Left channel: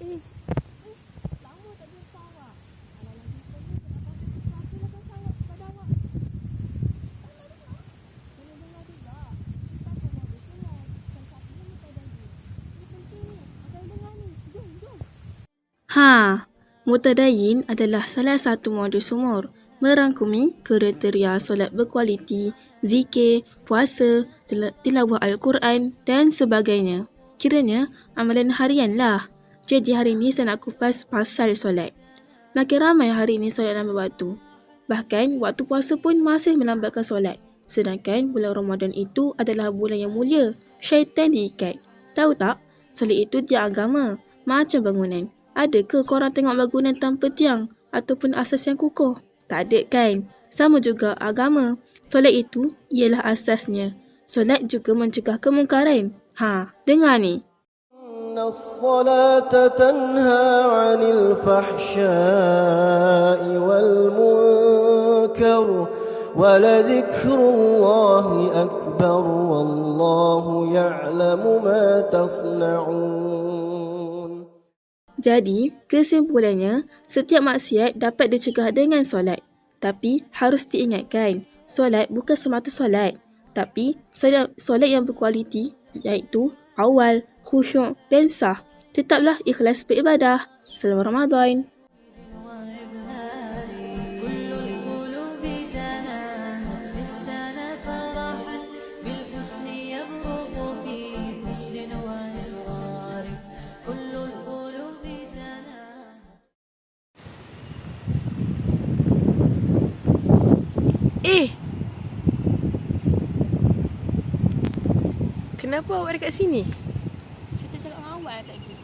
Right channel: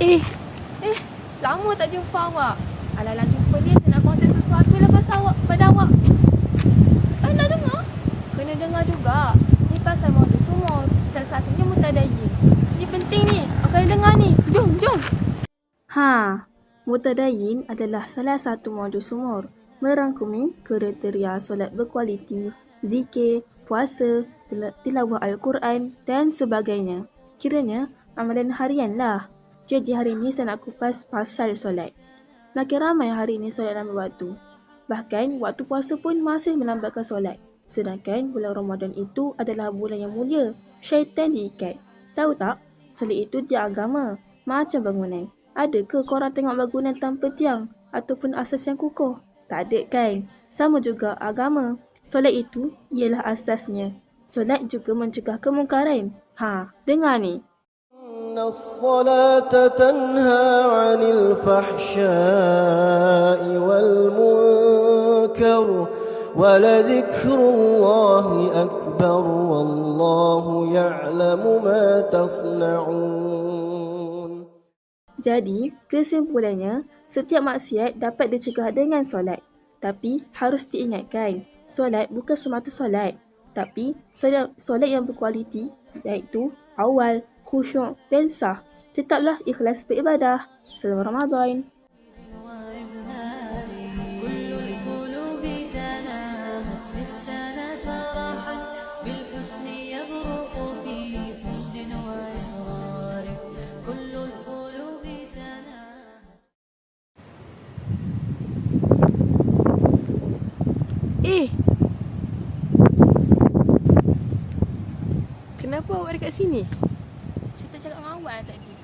Eh, lama tak jumpa awak. Alah jumpa ni saya nak kongsi sesuatu lepas awak pada awak. Nak dengar? Kena dengar juga. Ni pasal modul sumur. Salah satunya mutadayyin. Ni penting ni. Kena dengar ni. Jom. Mutadayyin adalah salah satu modul sumur. Merangkumi kriteria solat berkualiti, zikir, puasa, tilawah Al-Quran dan sebagainya. Kiranya amalan harian lah. Jadi hari ini saya nak kupas pasal solat. Makin ramai hari ini solat lambat waktu. Bahkan waktu puasa pun masih melambatkan solat. Sedangkan bulan Ramadan itu adalah bulan yang mulia. Syaitan diikat. Tahu tak? Solat itu tiang agama. Macam bangunan. Adakah korang tengok bangunan tanpa tiang ataupun asas yang kukuh? Tak ada kan? Sama juga agama. Solat itu ialah asasnya. Solat juga mencegah kemungkaran. Dengar ni. إن الصلاة تنهى عن الفحشاء والمنكر ولذكر الله أكبر والله يعلم ما تصنعون. Jadi, kesimpulannya, setiap maksiat dapat dicegah dengan solat. Tapi, harus diingatkan, solat bukan semata solat. Tapi, solat yang berkualiti iaitu awal, khusyuk dan sah. Tetaplah ikhlas beribadah. Selamat Ramadan. Kenapa awak dekat sini? Saya cakap dengan awak tadi.